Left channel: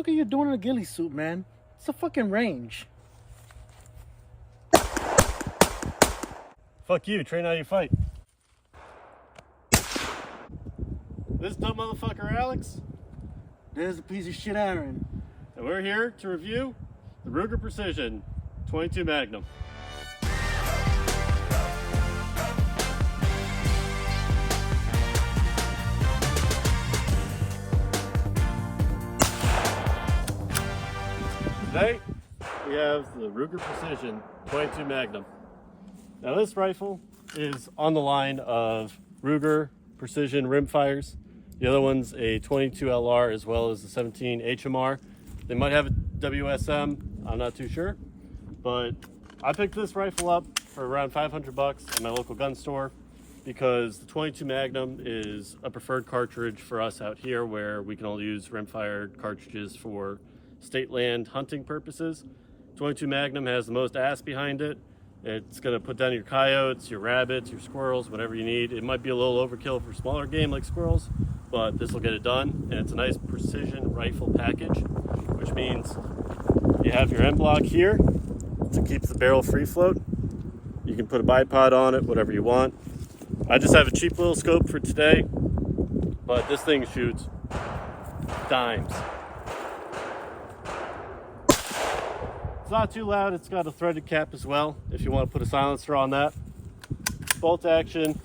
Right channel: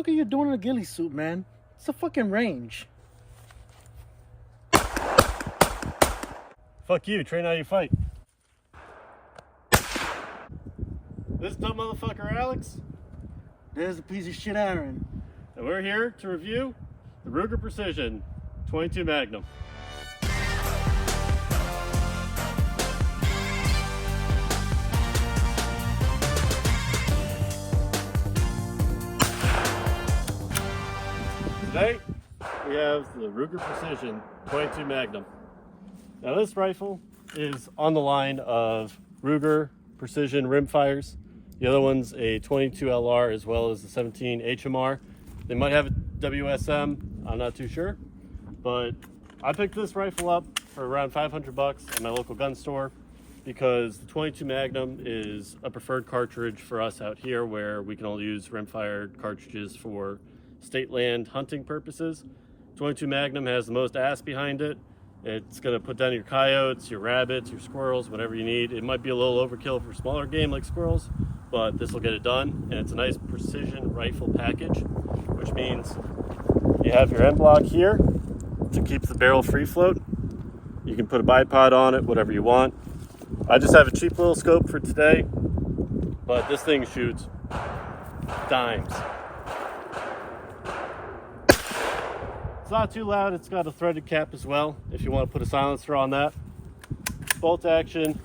fuck are you doing in a ghillie suit, man? It's a fucking range. Fuck you, train how you fight. This dumb motherfucker Alex, There's a piece of shit Aaron. and we're here to review the Ruger Precision 22 Magnum. Today, we have the Ruger Precision 22 Magnum. Now this rifle is on the line of Ruger Precision rimfires. The other one's a 22 LR as well as the 17 HMR. They might have a WSM, I'm not too sure. But I picked this rifle up for around 500 bucks at my local gun store because the 22 Magnum is a preferred cartridge for us out here where we can only use rimfired cartridges for state land hunting purposes. 22 Magnum has the most ass behind it. It's going to put down your coyotes, your rabbits, your squirrels, whatever you need. It might be a little overkill for smaller game like squirrels, but this will get it done. And it's a nice precision rifle package, which means you have your end block here to keep the barrel free float. You can put a bipod on it, whatever you want. I just have a cheap little scope for today, but this thing shoots dimes. It's not too loud. It's got a threaded cap as well if you want to put a silencer on that. Bolt action.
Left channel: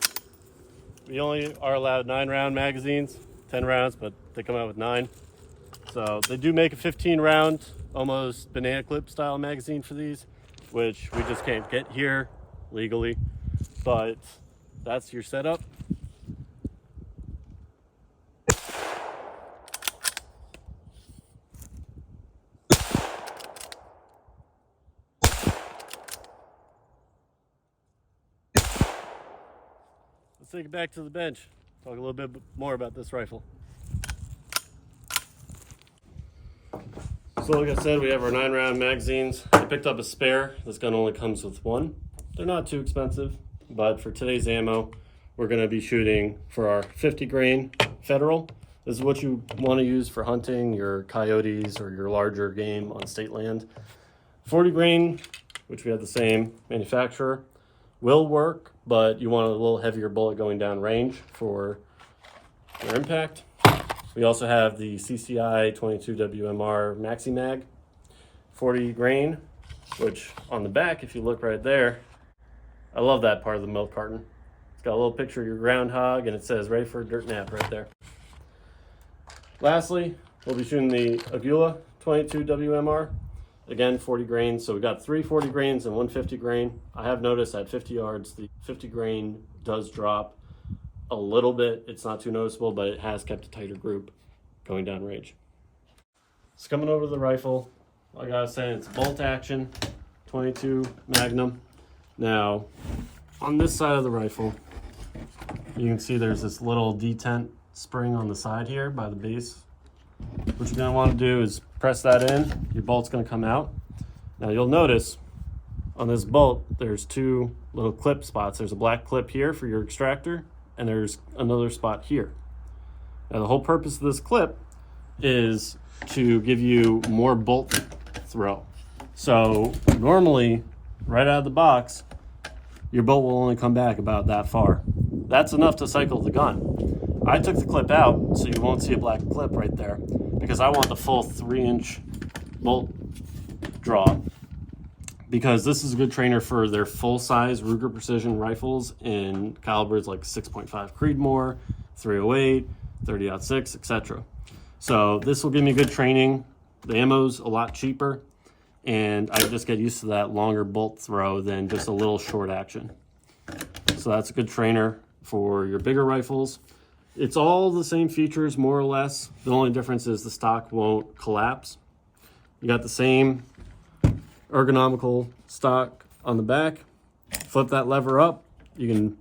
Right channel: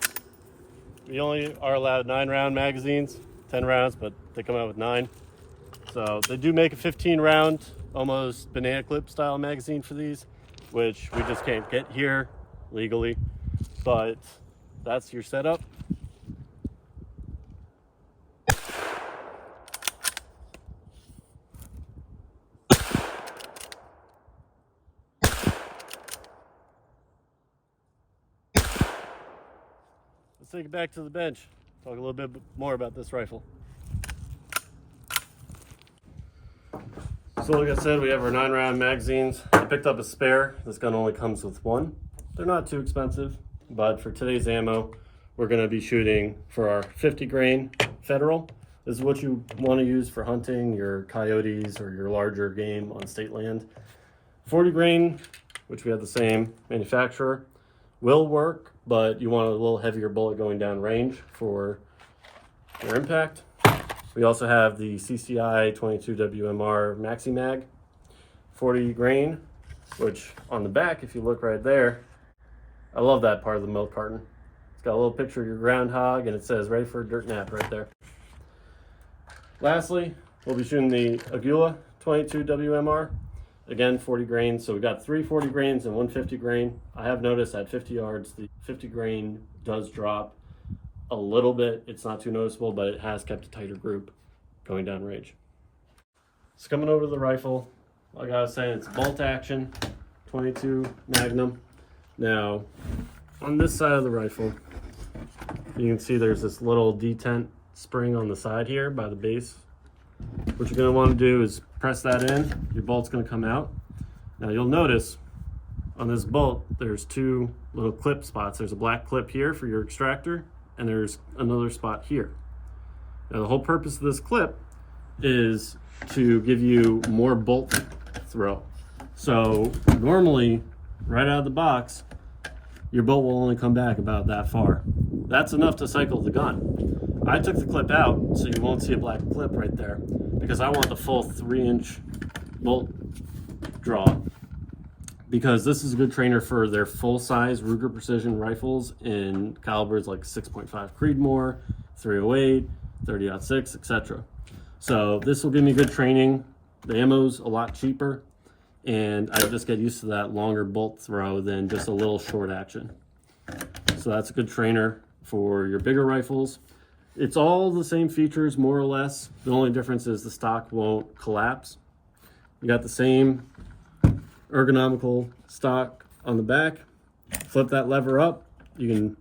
We only are allowed 9-round magazines, 10 rounds, but they come out with 9. So they do make a 15-round, almost banana clip style magazine for these, which we just can't get here legally. But that's your setup. Let's take it back to the bench. Talk a little bit more about this rifle. So like I said, we have our 9-round magazines. I picked up a spare. This gun only comes with one. They're not too expensive, but for today's ammo, we're gonna be shooting for our 50 grain Federal. This is what you wanna use for hunting your coyotes or your larger game on state land. 40 grain, which we have the same manufacturer, will work, but you want a little heavier bullet going down range for your impact. We also have the CCI 22 WMR Maxi Mag, 40 grain, which on the back, if you look right there, I love that part of the milk carton. It's got a little picture of your groundhog and it says ready for a dirt nap right there. Lastly, we'll be shooting the Agula 22 WMR. Again, 40 grain. So we got 3 40 grains and 1 50 grain. I have noticed at 50 yards, the 50 grain does drop a little bit. It's not too noticeable, but it has kept a tighter group going down range. So coming over to the rifle, like I was saying, it's bolt action, 22 Magnum. Now, on this side of the rifle, you can see there's this little detent spring on the side here by the base. What you're going to want to do is press that in. Your bolt's going to come out. Now you'll notice on this bolt there's 2 little clip spots. There's a black clip here for your extractor and there's another spot here. Now the whole purpose of this clip is to give you more bolt throw. So normally right out of the box your bolt will only come back about that far. That's enough to cycle the gun. I took the clip out so you won't see a black clip right there because I want the full 3-inch bolt draw, because this is a good trainer for their full-size Ruger Precision rifles in calibers like 6.5 Creedmoor, 308, 30-06, etc. So this will give me good training. The ammo's a lot cheaper, and I just get used to that longer bolt throw than just a little short action. So that's a good trainer for your bigger rifles. It's all the same features, more or less. The only difference is the stock won't collapse. You got the same ergonomical stock on the back. Flip that lever up. You can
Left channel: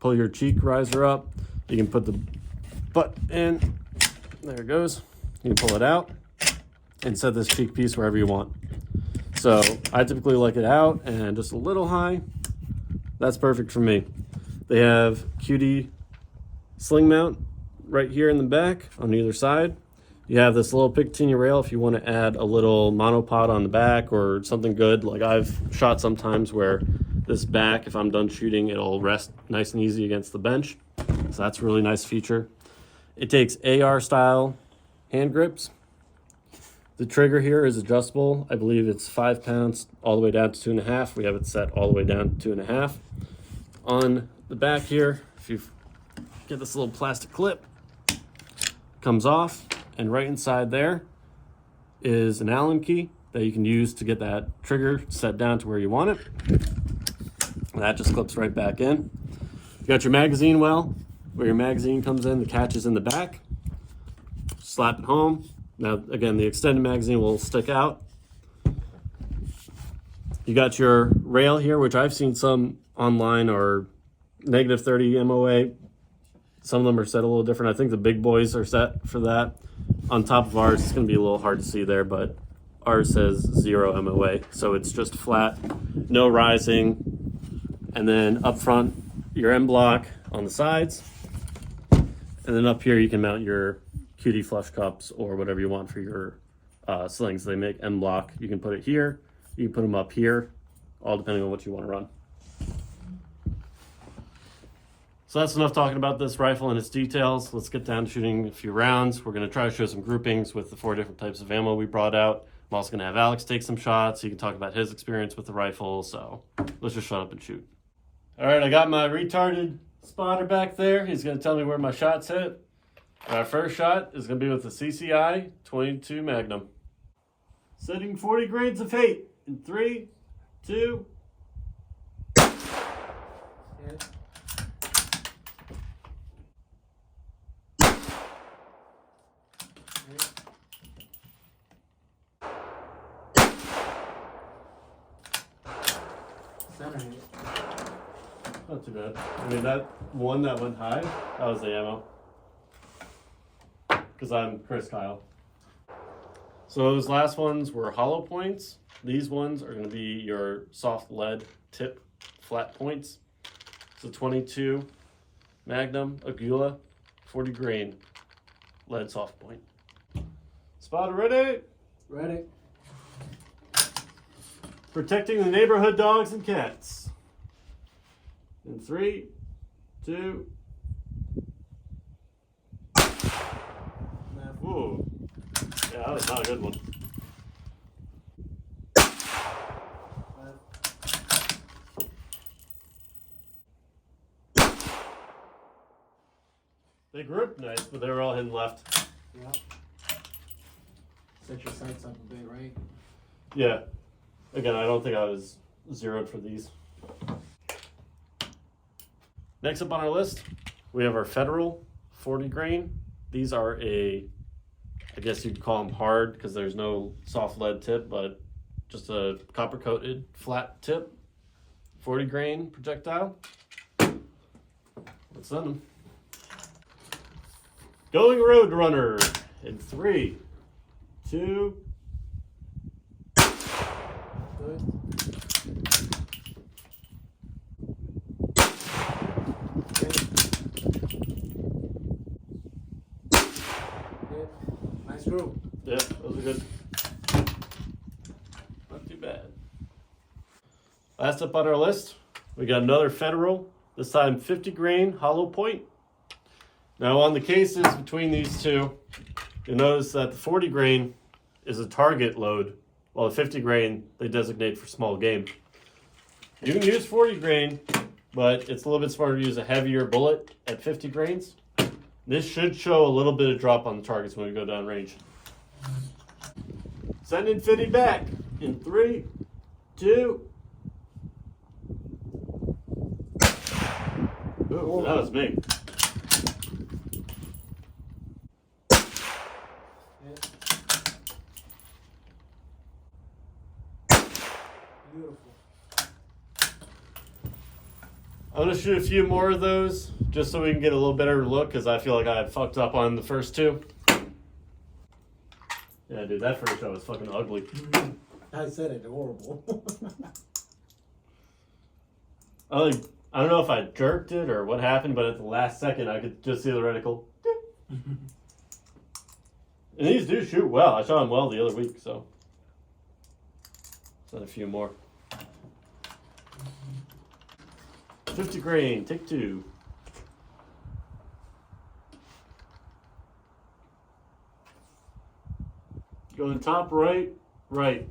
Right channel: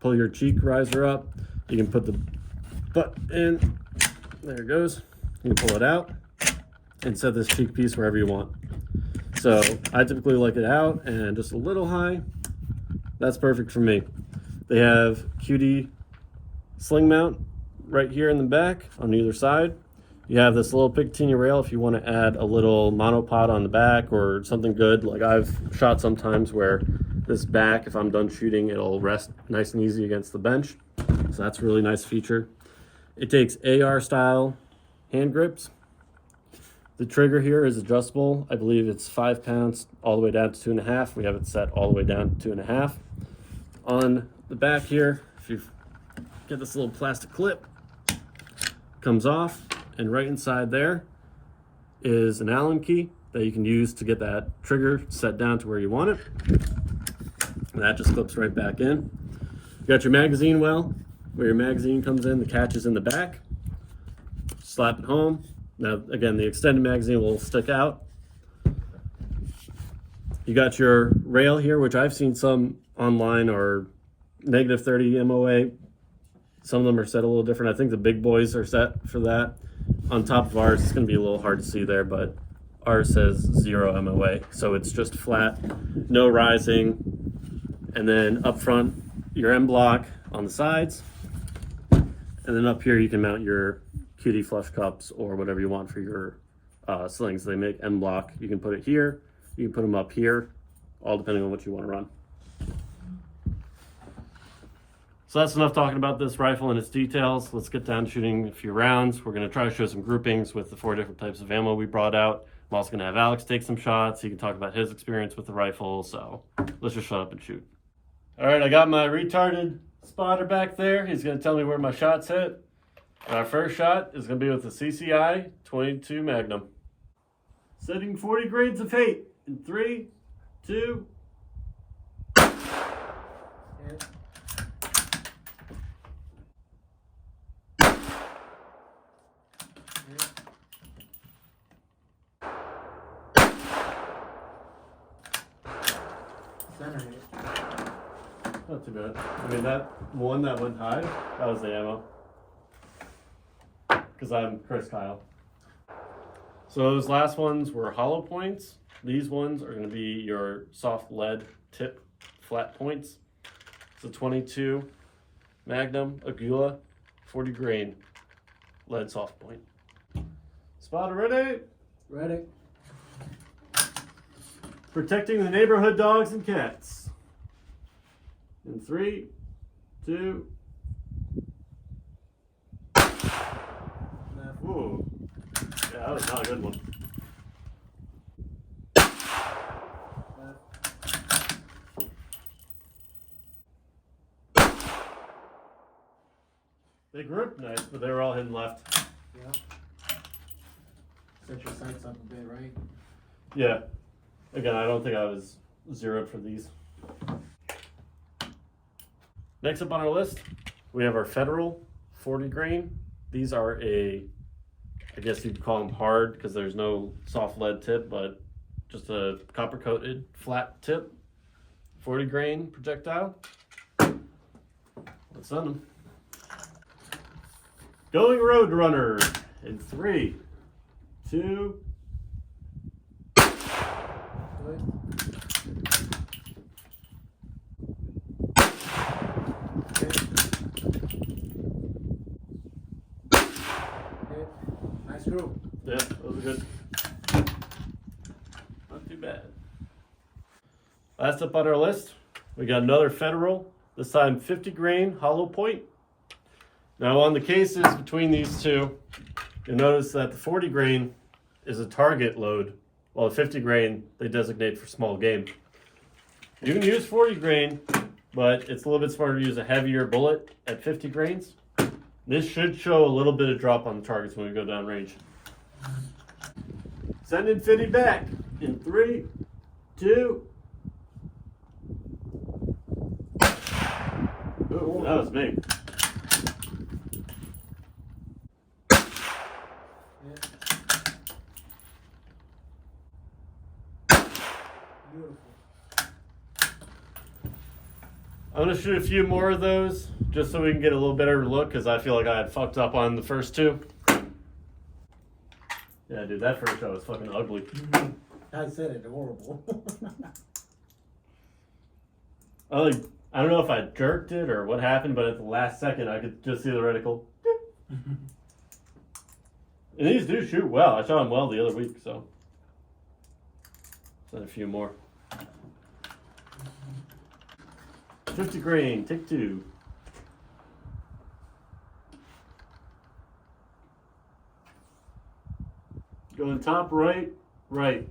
pull your cheek riser up. You can put the butt in. There it goes. You can pull it out and set this cheek piece wherever you want. So I typically like it out and just a little high. That's perfect for me. They have QD sling mount right here in the back on either side. You have this little Picatinny rail if you want to add a little monopod on the back or something good. Like I've shot sometimes where this back, if I'm done shooting, it'll rest nice and easy against the bench. So that's a really nice feature. It takes AR style hand grips. The trigger here is adjustable. I believe it's 5 pounds all the way down to 2.5. We have it set all the way down to 2.5. On the back here, if you get this little plastic clip, comes off, and right inside there is an Allen key that you can use to get that trigger set down to where you want it. And that just clips right back in. You got your magazine well, where your magazine comes in, the catch is in the back. Slap it home. Now, again, the extended magazine will stick out. You got your rail here, which I've seen some online are -30 MOA. Some of them are set a little different. I think the big boys are set for that. On top of ours, it's going to be a little hard to see there, but ours says 0 MOA. So it's just flat, no rising. And then up front, your M block on the sides. And then up here, you can mount your QD flush cups or whatever you want for your slings. They make M block. You can put it here. You can put them up here, all depending on what you want to run. So that's enough talking about this rifle and its details. Let's get down to shooting a few rounds. We're going to try to show some groupings with the 4 different types of ammo we brought out. I'm also going to have Alex take some shots. He can talk about his experience with the rifle. So let's just shut up and shoot. All right, I got my retarded spotter back there. He's going to tell me where my shots hit. Our first shot is going to be with the CCI 22 Magnum. Setting 40 grains of hate in 3, 2. Hit. Center hit. Not too bad. I mean, that one that went high, that was the ammo. Because I'm Chris Kyle. So those last ones were hollow points. These ones are going to be your soft lead tip flat points. So 22 Magnum, Agula, 40 grain lead soft point. Spotter ready? Ready. Protecting the neighborhood dogs and cats. In 3, 2. Left. Ooh. Yeah, that was not a good one. Left. They gripped nice, but they were all hidden left. Yeah. Set your sights up a bit, right? Yeah. Again, I don't think I was zeroed for these. Next up on our list, we have our Federal 40 grain. These are I guess you'd call them hard because there's no soft lead tip, but just a copper coated flat tip, 40 grain projectile. Let's send them. Going Road Runner in 3, 2. Good. Hit. Nice group. Yeah, those are good. Not too bad. Last up on our list, we got another Federal, this time 50 grain hollow point. Now on the cases between these two, you'll notice that the 40 grain is a target load, while the 50 grain they designate for small game. You can use 40 grain, but it's a little bit smarter to use a heavier bullet at 50 grains. This should show a little bit of drop on the targets when we go down range. Sending 50 back in 3, 2. Ooh, that was me. Hit. Beautiful. I'm gonna shoot a few more of those just so we can get a little better look because I feel like I had fucked up on the first 2. Yeah, dude, that first shot was fucking ugly. I said it, horrible. I don't know if I jerked it or what happened, but at the last second I could just see the reticle. And these do shoot well. I shot them well the other week, so. Send a few more. 50 grain, take 2. Going top right, right.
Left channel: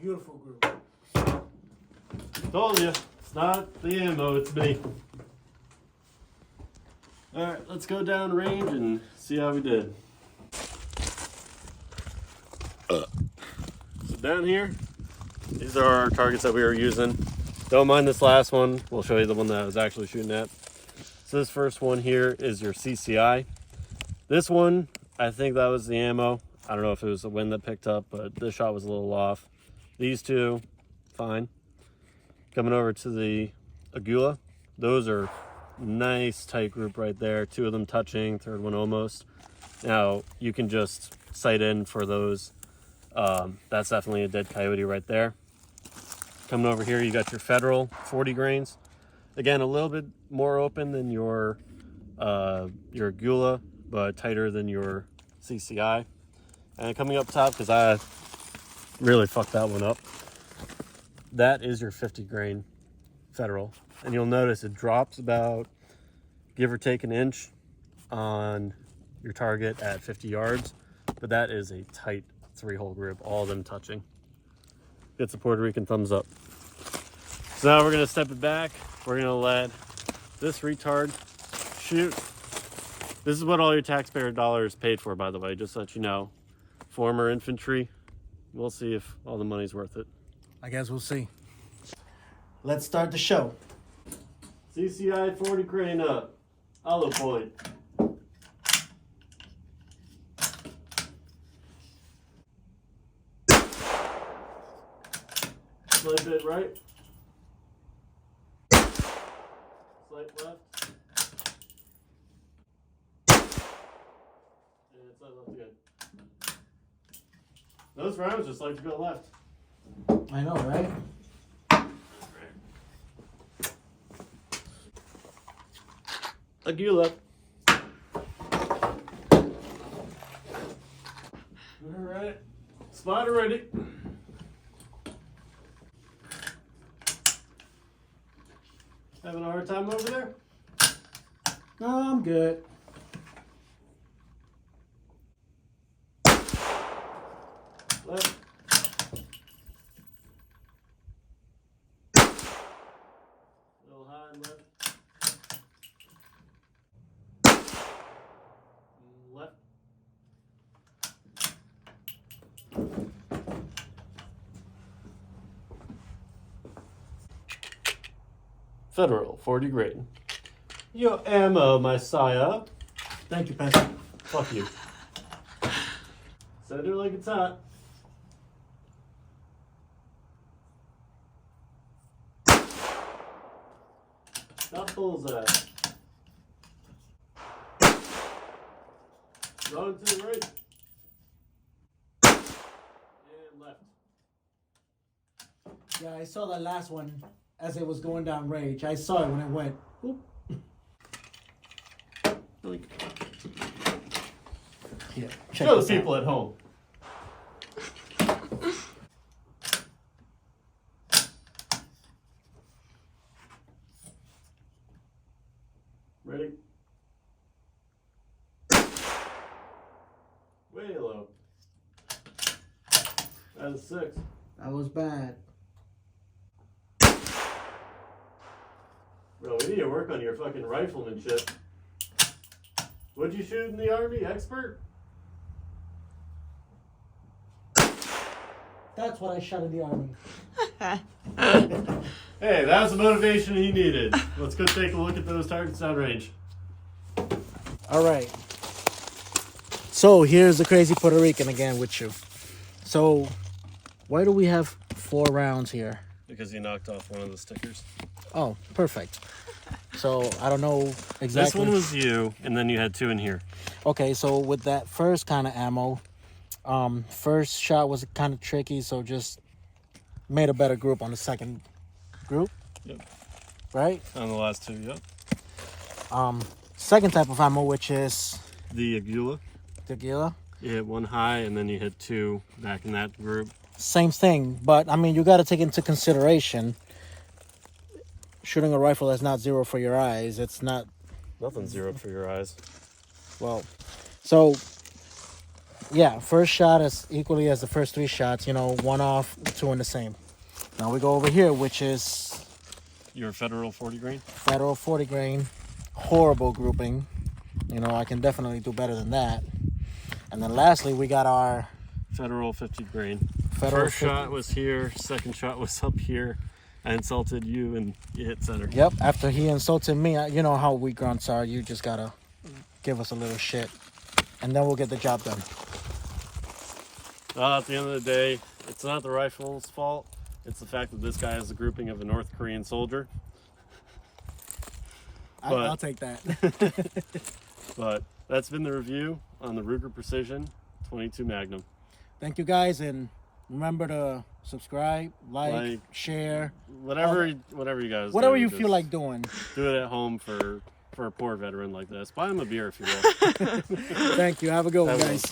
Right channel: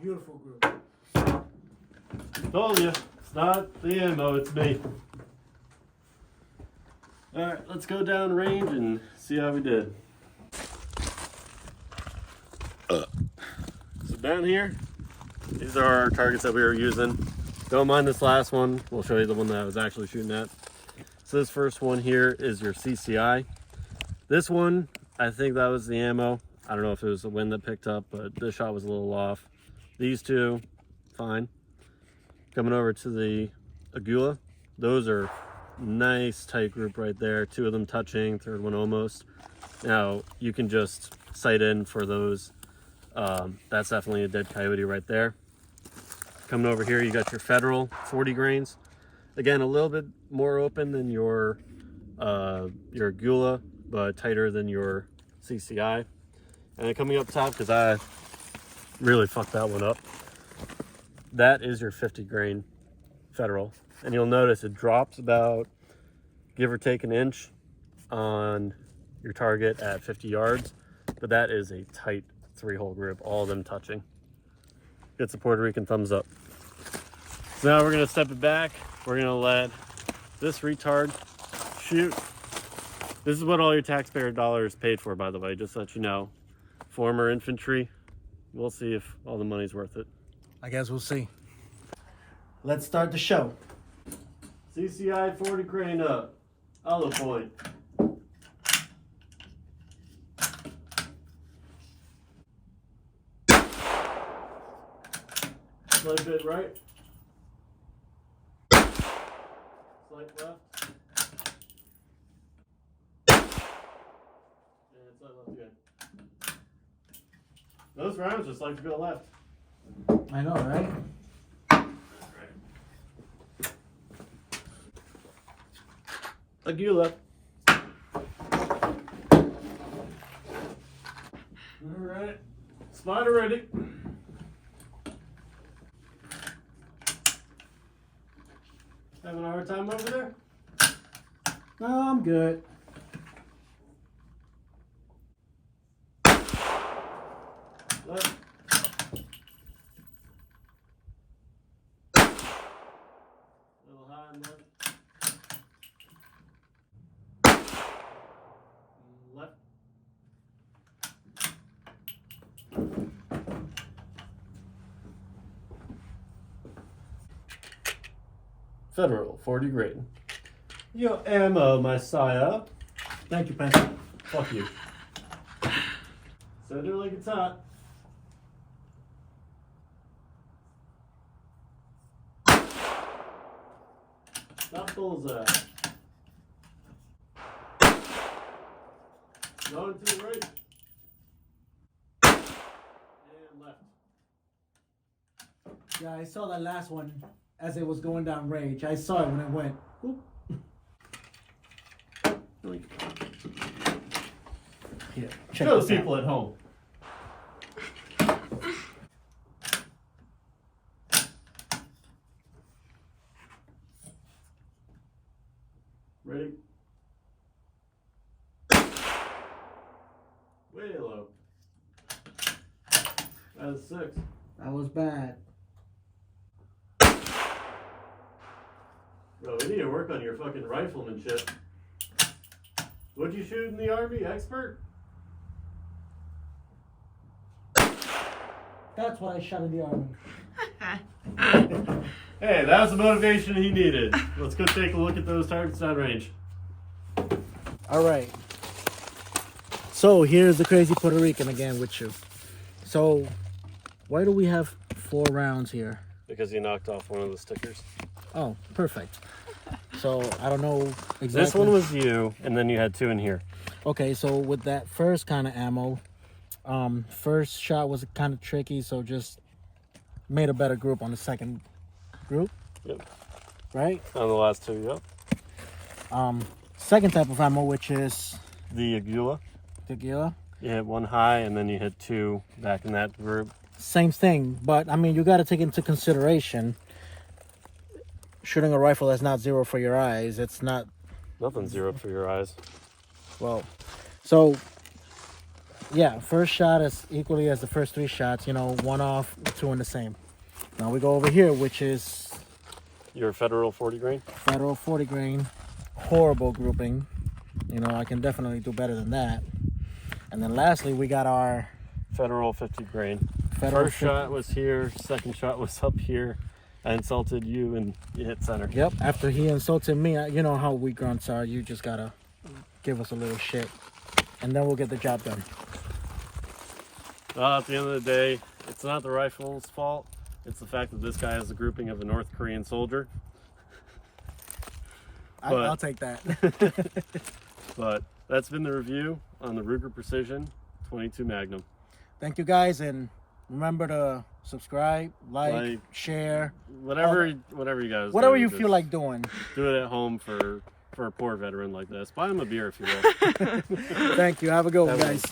Beautiful group. Told you, it's not the ammo, it's me. Alright, let's go down range and see how we did. So down here, these are our targets that we were using. Don't mind this last one, we'll show you the one that I was actually shooting at. So this first one here is your CCI. This one, I think that was the ammo. I don't know if it was the wind that picked up, but this shot was a little off. These two, fine. Coming over to the Agula, those are nice tight group right there. 2 of them touching, third one almost. Now you can just sight in for those. That's definitely a dead coyote right there. Coming over here, you got your Federal 40 grains. Again, a little bit more open than your Agula, but tighter than your CCI. And then coming up top, because I really fucked that one up, that is your 50 grain Federal. And you'll notice it drops about, give or take, an inch on your target at 50 yards. But that is a tight 3-hole grip, all of them touching. Gets a Puerto Rican thumbs up. So now we're gonna step it back. We're gonna let this retard shoot. This is what all your taxpayer dollars paid for, by the way, just so that you know. Former infantry. We'll see if all the money's worth it. I guess we'll see. Let's start the show. CCI 40 grain up. Hollow point. Slight bit right. Slight left. And slight left again. Those rounds just like to go left. I know, right? Agula. Alright. Spotter ready. Having a hard time over there? No, I'm good. Left. Little high and left. Left. Federal 40 grain. Your ammo, my sire. Thank you, Pencil. Fuck you. Send her like it's hot. Stop bullseye. Going to the right. And left. Yeah, I saw that last one as it was going down range. I saw it when it went. Whoop. Here, check Show this the people out. at home. Ready? Way low. That's a 6. That was bad. Bro, we need to work on your fucking riflemanship. What'd you shoot in the Army? Expert? That's what I shot in the Army. Hey, that was the motivation he needed. Let's go take a look at those targets downrange. All right. So here's the crazy Puerto Rican again with you. So why do we have 4 rounds here? Because you knocked off one of the stickers. Oh, perfect. So I don't know exactly. This one was you, and then you had 2 in here. Okay, so with that first kind of ammo, First shot was kind of tricky, so just made a better group on the second group. Yep. Right? On the last two, yep. Second type of ammo, which is The Agula. the Gila. You hit one high, and then you hit two back in that group. Same thing, but I mean, you got to take into consideration shooting a rifle that's not zero for your eyes. It's not, Nothing zeroed for your eyes. well, so yeah, first shot is equally as the first three shots, you know, one off, two in the same. Now we go over here, which is Your Federal 40 grain? Federal 40 grain, horrible grouping. You know, I can definitely do better than that. And then lastly, we got our Federal 50 grain. Federal First 50. shot was here, second shot was up here. I insulted you and you hit center. Yep, after he insulted me, you know how we grunts are. You just gotta give us a little shit, and then we'll get the job done. At the end of the day, it's not the rifle's fault. It's the fact that this guy has a grouping of a North Korean soldier. I'll take that. But that's been the review on the Ruger Precision 22 Magnum. Thank you guys, and remember to subscribe, like share, whatever you guys whatever do, you just feel like doing. do it at home for a poor veteran like this. Buy him a beer if you will. Thank you. Have a good one, guys.